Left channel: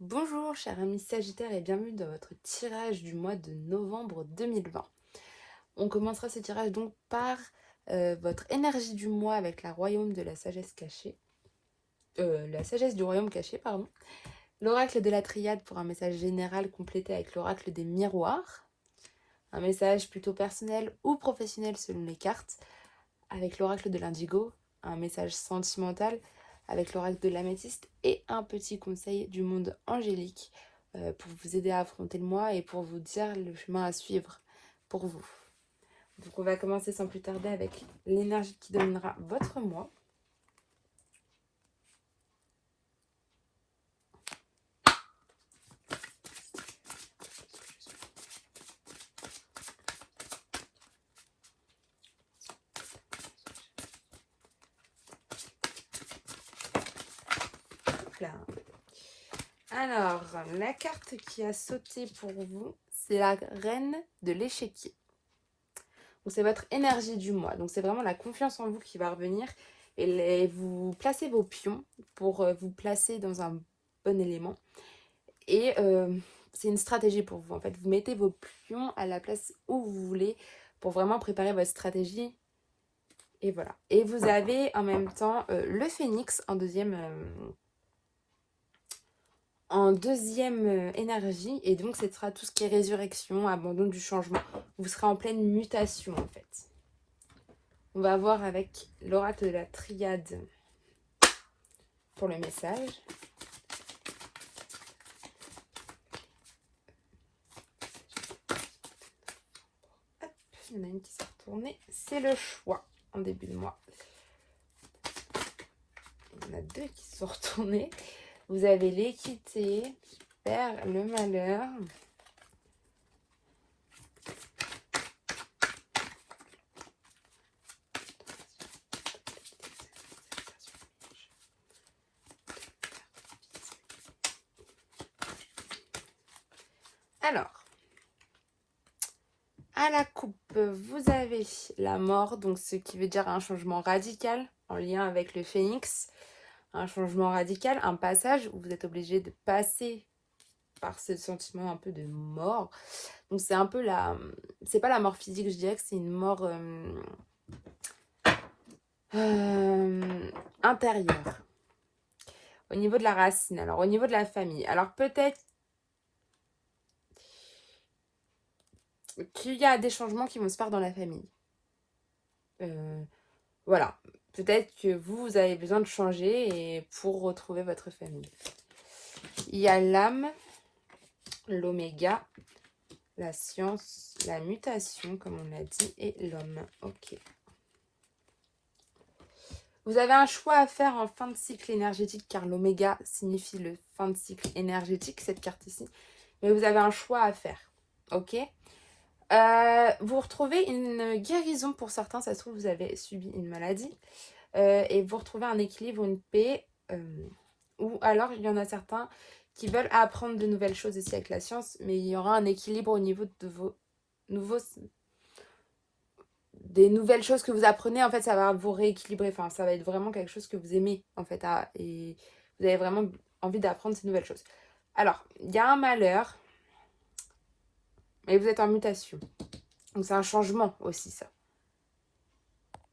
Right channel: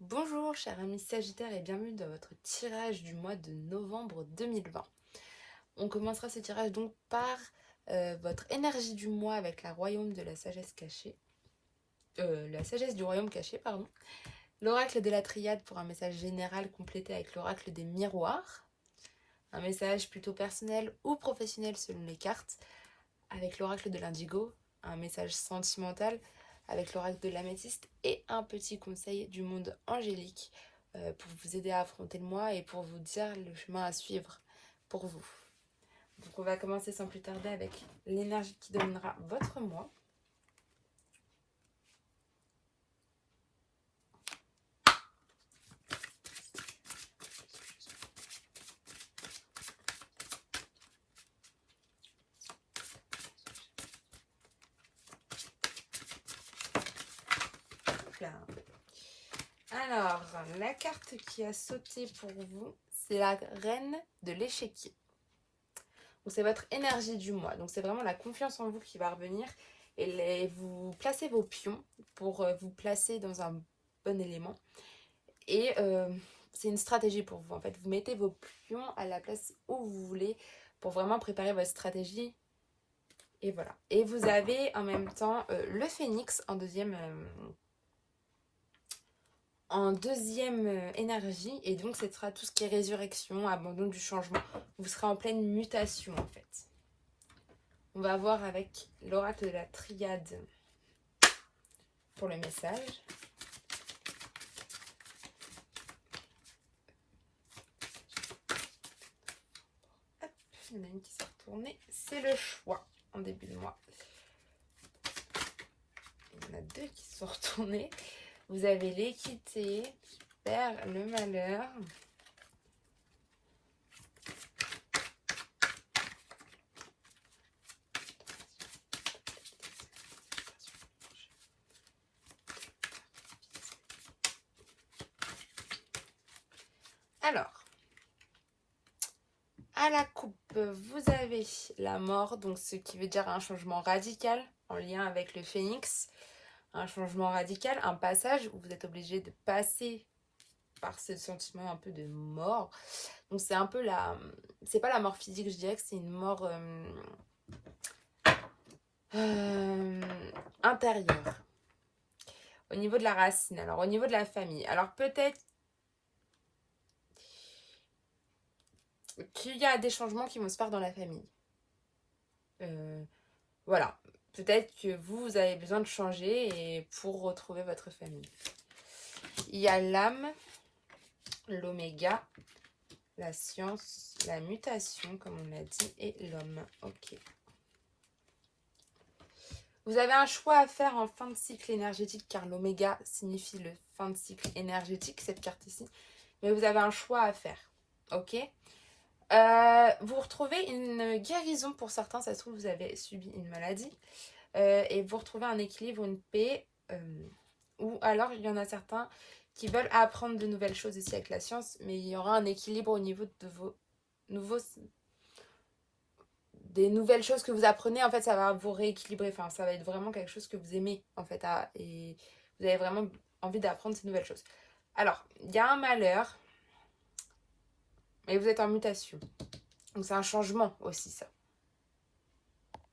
Bonjour chers amis Sagittaires et bienvenue dans votre tirage du mois de novembre 2020. On commencera ce tirage donc par votre énergie du mois avec la royaume de la sagesse cachée. La sagesse du royaume caché, pardon. L'oracle de la triade pour un message général complété avec l'oracle des miroirs. Un message plutôt personnel ou professionnel selon les cartes. Avec l'oracle de l'indigo, un message sentimental avec l'oracle de l'améthyste et un petit conseil du monde angélique pour vous aider à affronter le mois et pour vous dire le chemin à suivre pour vous. Donc on va commencer sans plus tarder avec l'énergie qui dominera votre mois. Là. Alors, la carte qui a sauté pour vous, c'est la reine de l'échiquier. Donc c'est votre énergie du mois. Donc c'est vraiment la confiance en vous qui va revenir. Et vous placez vos pions pour vous placer dans un bon élément. Et c'est une stratégie pour vous. En fait, vous mettez vos pions à la place où vous voulez pour vraiment préparer votre stratégie. Et voilà. Et vous avez en même temps le phénix en deuxième énergie. Et donc, ce sera tout ce qui est résurrection, abandon du changement. Vous serez en pleine mutation, en fait. On va voir avec l'oracle de la triade pour le message. Hop, il y en a une qui s'est retournée. C'est le choix en début de mois. Il y en a deux qui sont retournés. Vous avez l'équité, super, le malheur. Alors, à la coupe, vous avez la mort, donc ce qui veut dire un changement radical en lien avec le phénix. Un changement radical, un passage où vous êtes obligé de passer par ce sentiment un peu de mort. Donc c'est un peu c'est pas la mort physique, je dirais que c'est une mort intérieure. Au niveau de la racine, alors au niveau de la famille. Alors peut-être qu'il y a des changements qui vont se faire dans la famille. Voilà. Peut-être que vous avez besoin de changer et pour retrouver votre famille. Il y a l'âme, l'oméga, la science, la mutation, comme on l'a dit, et l'homme. Ok. Vous avez un choix à faire en fin de cycle énergétique, car l'oméga signifie le fin de cycle énergétique, cette carte ici. Mais vous avez un choix à faire. Ok. Vous retrouvez une guérison pour certains, ça se trouve, vous avez subi une maladie. Et vous retrouvez un équilibre, une paix. Ou alors, il y en a certains qui veulent apprendre de nouvelles choses ici avec la science, mais il y aura un équilibre au niveau de vos des nouvelles choses que vous apprenez. En fait, ça va vous rééquilibrer. Enfin, ça va être vraiment quelque chose que vous aimez, en fait, et vous avez vraiment envie d'apprendre ces nouvelles choses. Alors, il y a un malheur, mais vous êtes en mutation. Donc, c'est un changement aussi, ça.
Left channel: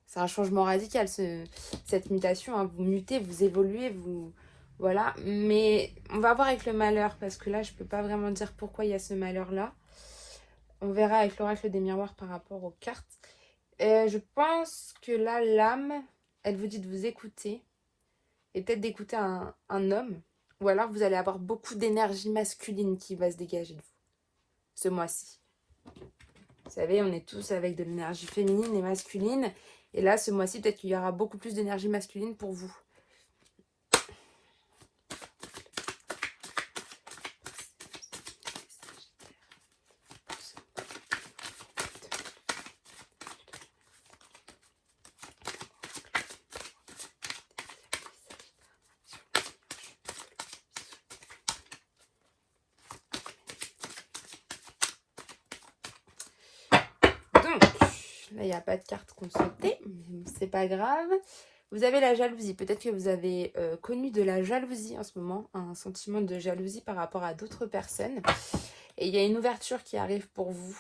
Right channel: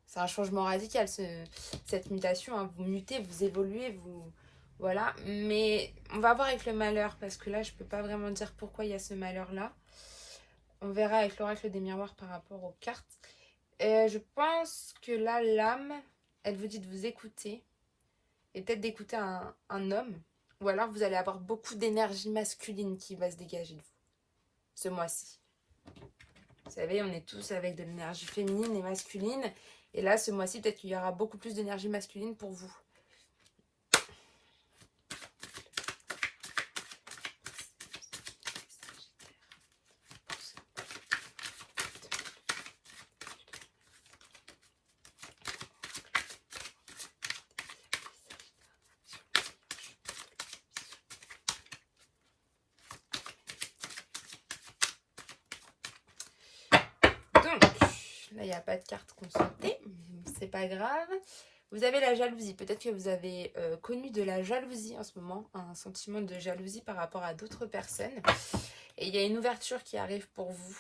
C'est un changement radical, cette mutation. Hein. Vous mutez, vous évoluez, vous... Voilà. Mais on va voir avec le malheur, parce que là, je ne peux pas vraiment dire pourquoi il y a ce malheur-là. On verra avec l'oracle des miroirs par rapport aux cartes. Je pense que là, l'âme, elle vous dit de vous écouter. Et peut-être d'écouter un homme. Ou alors, vous allez avoir beaucoup d'énergie masculine qui va se dégager de vous. Ce mois-ci. Vous savez, on est tous avec de l'énergie féminine et masculine. Et là, ce mois-ci, peut-être qu'il y aura beaucoup plus d'énergie masculine pour vous. Donc, là, il n'y a pas de carte consultée, mais c'est pas grave. Vous avez la jalousie. Peut-être que vous avez connu de la jalousie en ce moment, un sentiment de jalousie par rapport à d'autres personnes. Et il y a une ouverture qui arrive pour vous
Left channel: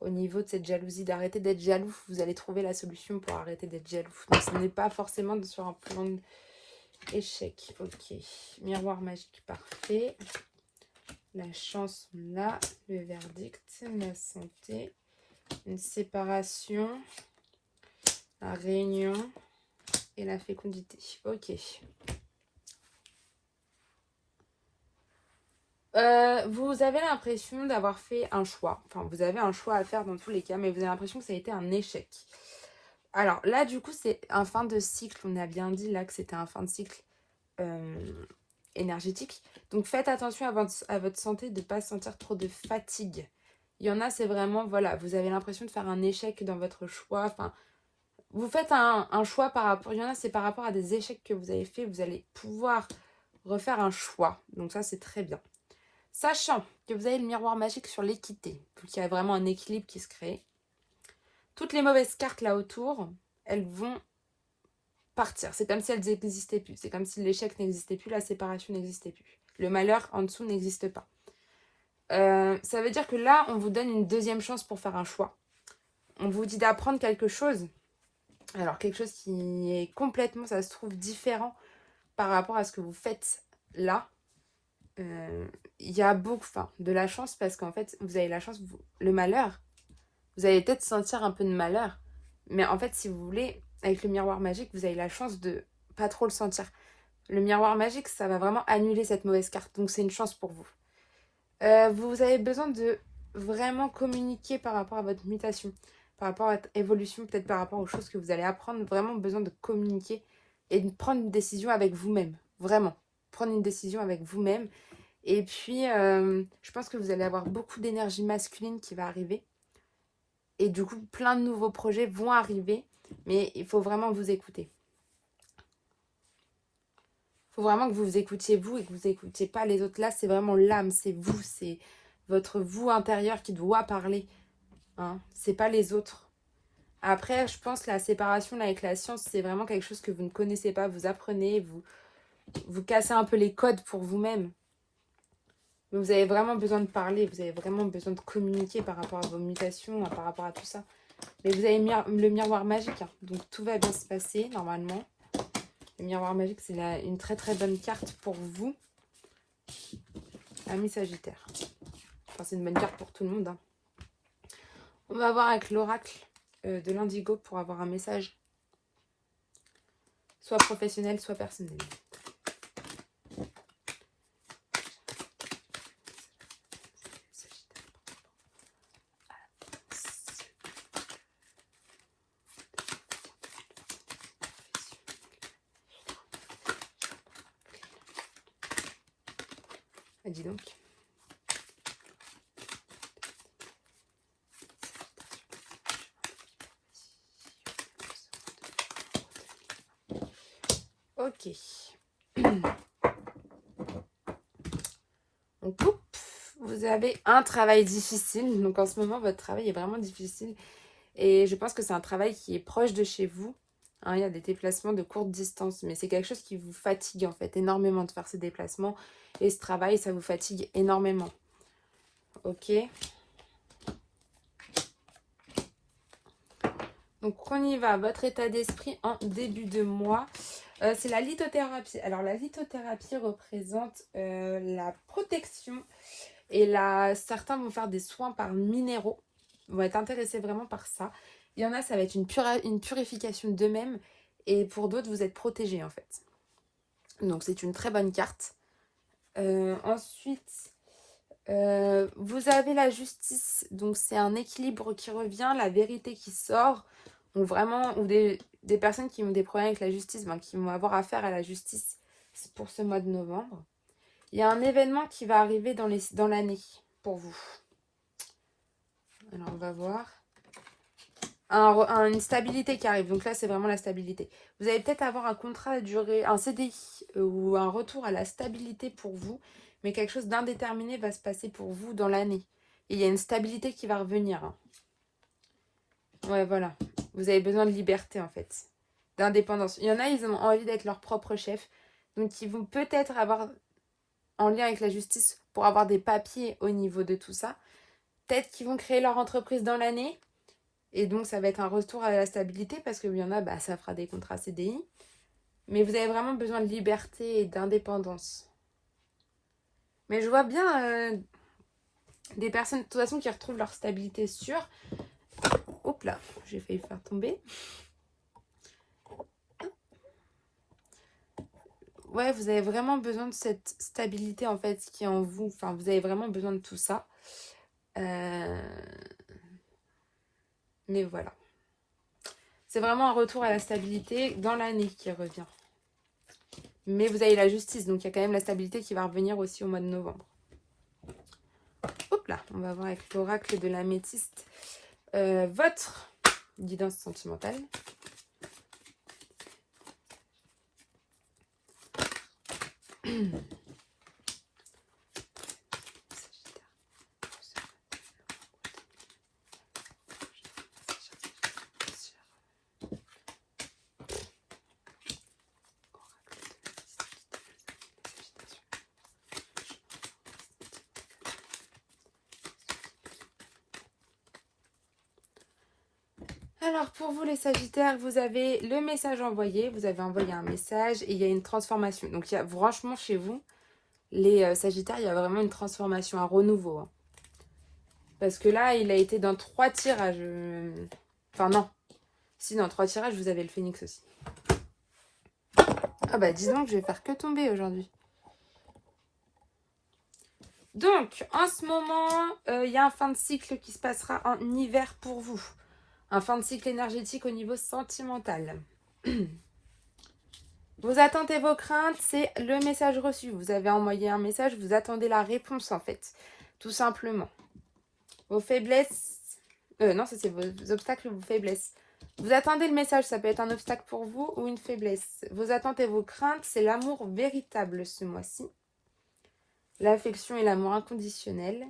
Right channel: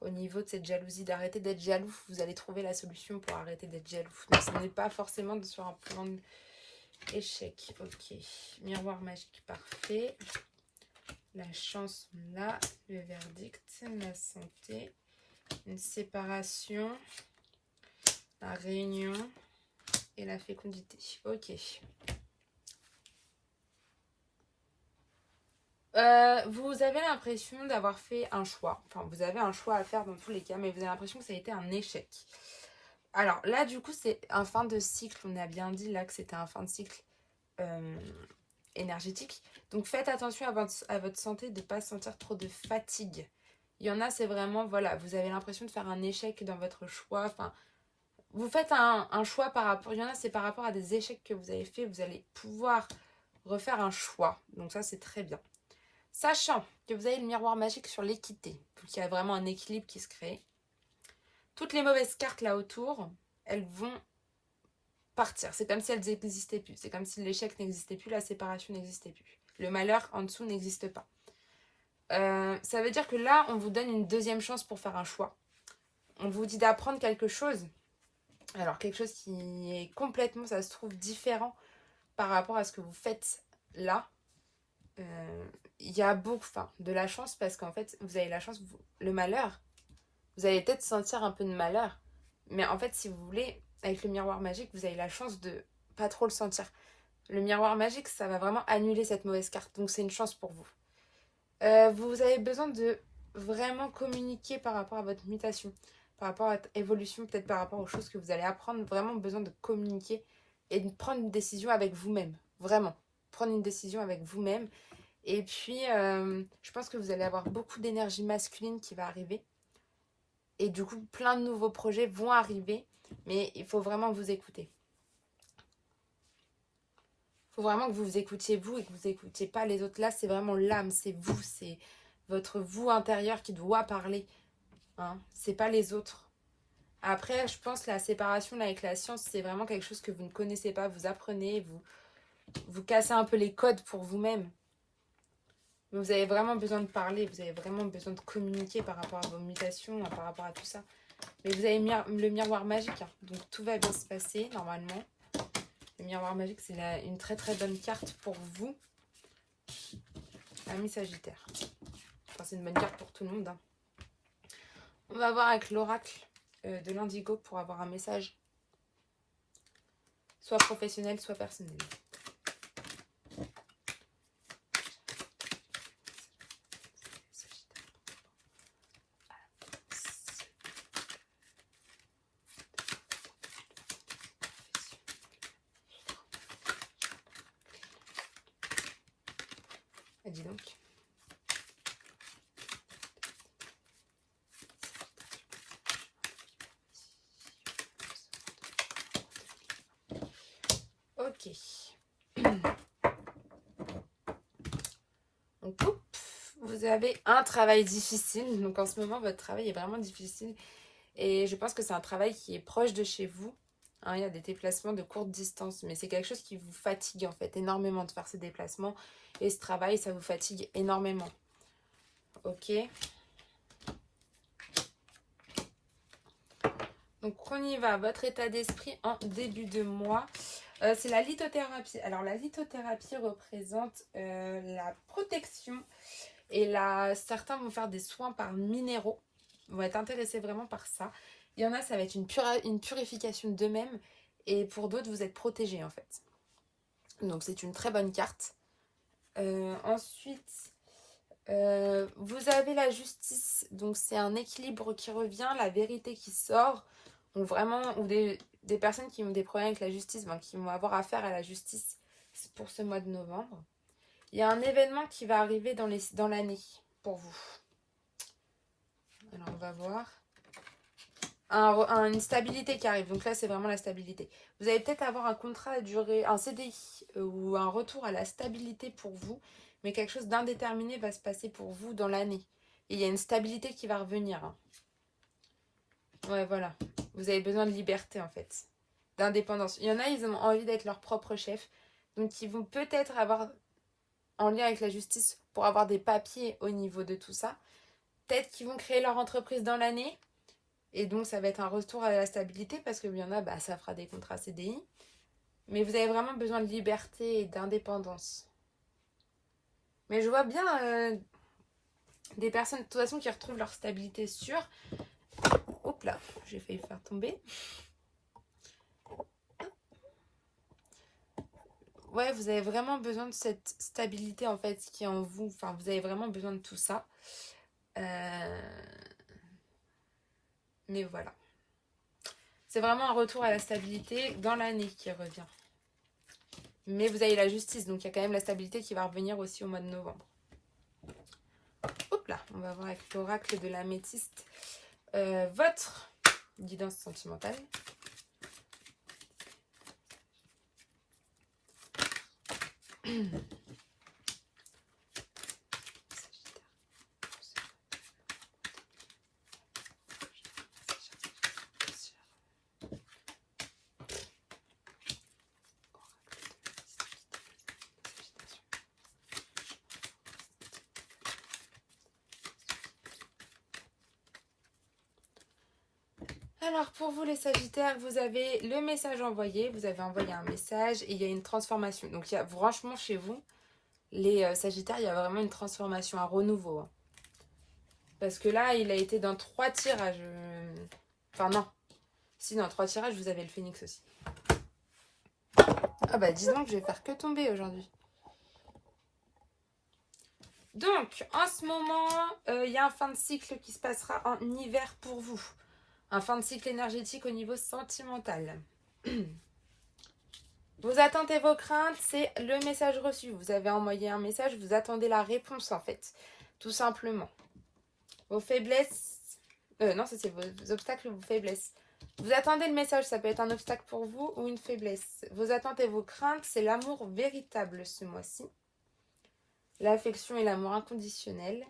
au niveau de cette jalousie, d'arrêter d'être jaloux. Vous allez trouver la solution pour arrêter d'être jaloux. Donc ce n'est pas forcément sur un plan d'échec. Ok, miroir magique, parfait. La chance là, le verdict, la santé, une séparation, la réunion et la fécondité. Ok. Vous avez l'impression d'avoir fait un choix. Enfin, vous avez un choix à faire dans tous les cas, mais vous avez l'impression que ça a été un échec. Alors là, du coup, c'est un fin de cycle. On a bien dit là que c'était un fin de cycle énergétique. Donc faites attention à votre santé, de ne pas sentir trop de fatigue. Il y en a, c'est vraiment, voilà, vous avez l'impression de faire un échec dans votre choix. Enfin, vous faites un choix par rapport, il y en a, c'est par rapport à des échecs que vous avez fait. Vous allez pouvoir refaire un choix. Donc ça, c'est très bien. Sachant que vous avez le miroir magique sur l'équité, qu'il y a vraiment un équilibre qui se crée. Toutes les mauvaises cartes là autour, elles vont partir. C'est comme si elles n'existaient plus. C'est comme si l'échec n'existait plus, la séparation n'existait plus. Le malheur en dessous n'existe pas. Ça veut dire que là, on vous donne une deuxième chance pour faire un choix. On vous dit d'apprendre quelque chose. Alors, quelque chose qui est complètement, ça se trouve, différent par rapport à ce que vous faites là. Il y a beaucoup, de la chance parce qu'en fait, vous avez la chance, le malheur, vous allez peut-être sentir un peu de malheur, mais en fait, si vous voulez, avec le miroir magique, vous avez la chance de pas trop le sentir. Le miroir magique, ça va vraiment annuler cette mauvaise carte, donc c'est une chance pour vous. Vous avez besoin de vraiment communiquer par rapport à votre mutation, par rapport à votre évolution, peut-être par rapport aux choses que vous allez apprendre, vraiment besoin de communiquer et de prendre une décision avec vous-même, vraiment. Prendre une décision avec vous-même. Et puis, je pense que vous allez avoir beaucoup d'énergie masculine qui va arriver. Et du coup, plein de nouveaux projets vont arriver. Mais il faut vraiment vous écouter. Il faut vraiment que vous vous écoutiez vous et que vous n'écoutiez pas les autres. Là, c'est vraiment l'âme, c'est vous. C'est votre vous intérieur qui doit parler. Hein, c'est pas les autres. Après, je pense que la séparation là, avec la science, c'est vraiment quelque chose que vous ne connaissez pas. Vous apprenez, vous cassez un peu les codes pour vous-même. Mais vous avez vraiment besoin de parler, vous avez vraiment besoin de communiquer par rapport à vos mutations, par rapport à tout ça. Mais vous avez le miroir magique, hein, donc tout va bien se passer normalement. Le miroir magique, c'est une très très bonne carte pour vous, ami Sagittaire. Enfin, c'est une bonne carte pour tout le monde. Hein. On va voir avec l'oracle de l'Indigo pour avoir un message, soit professionnel, soit personnel. Dis donc. Ok. On coupe. Vous avez un travail difficile. Donc en ce moment, votre travail est vraiment difficile. Et je pense que c'est un travail qui est proche de chez vous. Hein, il y a des déplacements de courte distance. Mais c'est quelque chose qui vous fatigue en fait énormément de faire ces déplacements. Et ce travail, ça vous fatigue énormément. Ok. Donc on y va. Votre état d'esprit en début de mois. C'est la lithothérapie. Alors la lithothérapie représente la protection. Et là, certains vont faire des soins par minéraux. On va être intéressés vraiment par ça. Il y en a, ça va être une purification d'eux-mêmes. Et pour d'autres, vous êtes protégés en fait. Donc c'est une très bonne carte. Ensuite, vous avez la justice. Donc c'est un équilibre qui revient, la vérité qui sort. Donc vraiment, ou des personnes qui ont des problèmes avec la justice, qui vont avoir affaire à la justice pour ce mois de novembre. Il y a un événement qui va arriver dans l'année pour vous. Alors, on va voir. Une stabilité qui arrive. Donc là, c'est vraiment la stabilité. Vous allez peut-être avoir un contrat à durée, un CDI ou un retour à la stabilité pour vous. Mais quelque chose d'indéterminé va se passer pour vous dans l'année. Et il y a une stabilité qui va revenir. Hein. Ouais, voilà. Vous avez besoin de liberté, en fait. d'indépendance. Il y en a, ils ont envie d'être leur propre chef. Donc, ils vont peut-être avoir, en lien avec la justice, pour avoir des papiers au niveau de tout ça. Peut-être qu'ils vont créer leur entreprise dans l'année. Et donc, ça va être un retour à la stabilité parce qu'il y en a, bah, ça fera des contrats CDI. Mais vous avez vraiment besoin de liberté et d'indépendance. Mais je vois bien des personnes, de toute façon, qui retrouvent leur stabilité sûre. Hop là, j'ai failli faire tomber. Ouais, vous avez vraiment besoin de cette stabilité, en fait, qui est en vous. Enfin, vous avez vraiment besoin de tout ça. Mais voilà. C'est vraiment un retour à la stabilité dans l'année qui revient. Mais vous avez la justice, donc il y a quand même la stabilité qui va revenir aussi au mois de novembre. Hop là, on va voir avec l'oracle de l'améthyste votre guidance sentimentale. Alors pour vous les Sagittaires, vous avez le message envoyé, vous avez envoyé un message et il y a une transformation. Donc il y a, franchement chez vous, les Sagittaires, il y a vraiment une transformation, un renouveau. Hein. Parce que là, il a été dans 3 tirages. Enfin non, si dans 3 tirages, vous avez le Phénix aussi. Ah bah dis donc, je vais faire que tomber aujourd'hui. Donc, en ce moment, il y a un fin de cycle qui se passera en hiver pour vous. Un fin de cycle énergétique au niveau sentimental. Vos attentes et vos craintes, c'est le message reçu. Vous avez envoyé un message, vous attendez la réponse en fait. Tout simplement. Vos faiblesses... non, c'est vos obstacles ou vos faiblesses. Vous attendez le message, ça peut être un obstacle pour vous ou une faiblesse. Vos attentes et vos craintes, c'est l'amour véritable ce mois-ci. L'affection et l'amour inconditionnel.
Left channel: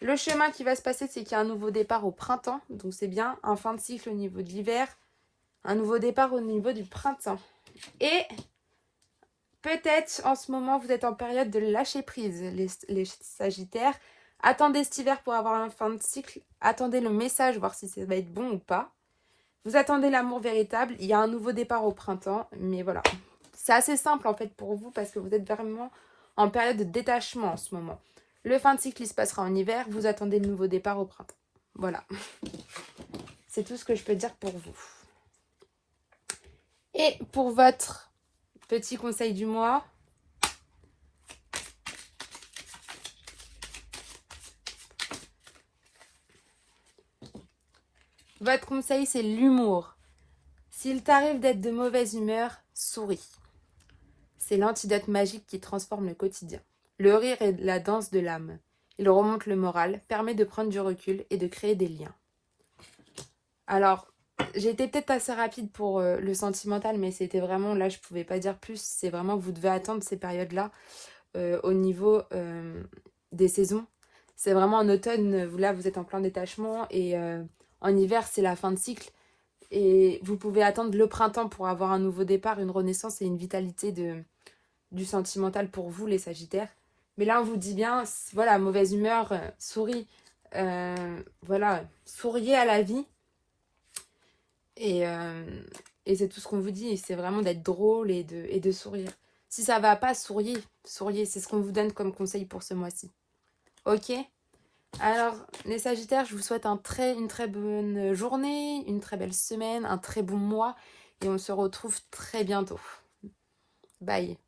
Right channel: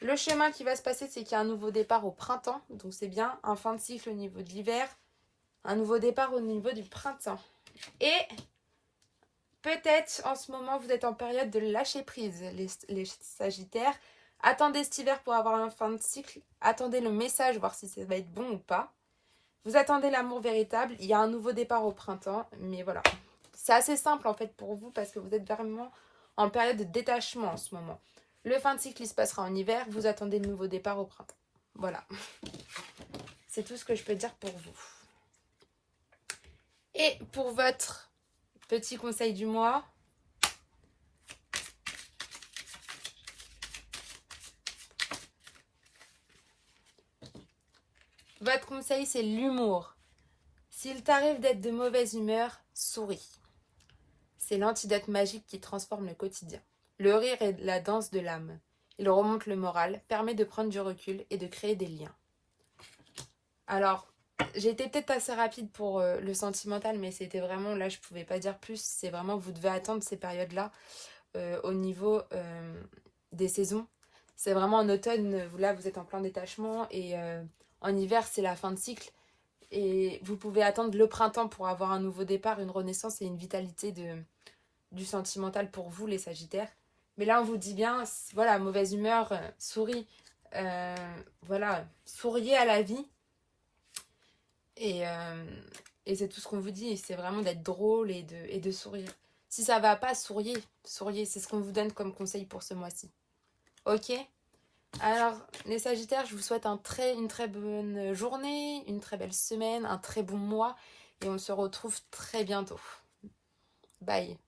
Le chemin qui va se passer, c'est qu'il y a un nouveau départ au printemps. Donc c'est bien un fin de cycle au niveau de l'hiver. Un nouveau départ au niveau du printemps. Et peut-être en ce moment, vous êtes en période de lâcher prise, les Sagittaires. Attendez cet hiver pour avoir un fin de cycle. Attendez le message, voir si ça va être bon ou pas. Vous attendez l'amour véritable. Il y a un nouveau départ au printemps. Mais voilà. C'est assez simple en fait pour vous parce que vous êtes vraiment en période de détachement en ce moment. Le fin de cycle, il se passera en hiver. Vous attendez le nouveau départ au printemps. Voilà. C'est tout ce que je peux dire pour vous. Et pour votre petit conseil du mois. Votre conseil, c'est l'humour. S'il t'arrive d'être de mauvaise humeur, souris. C'est l'antidote magique qui transforme le quotidien. Le rire est la danse de l'âme. Il remonte le moral, permet de prendre du recul et de créer des liens. Alors, j'ai été peut-être assez rapide pour le sentimental, mais c'était vraiment, là, je ne pouvais pas dire plus. C'est vraiment, vous devez attendre ces périodes-là au niveau des saisons. C'est vraiment en automne, là, vous êtes en plein détachement et en hiver, c'est la fin de cycle. Et vous pouvez attendre le printemps pour avoir un nouveau départ, une renaissance et une vitalité du sentimental pour vous, les Sagittaires. Mais là, on vous dit bien, voilà, mauvaise humeur, souris. Voilà, souriez à la vie. Et c'est tout ce qu'on vous dit. C'est vraiment d'être drôle et de sourire. Si ça va pas, souriez. Souriez, c'est ce qu'on vous donne comme conseil pour ce mois-ci. Ok ? Alors, les Sagittaires, je vous souhaite une très bonne journée, une très belle semaine, un très bon mois. Et on se retrouve très bientôt. Bye.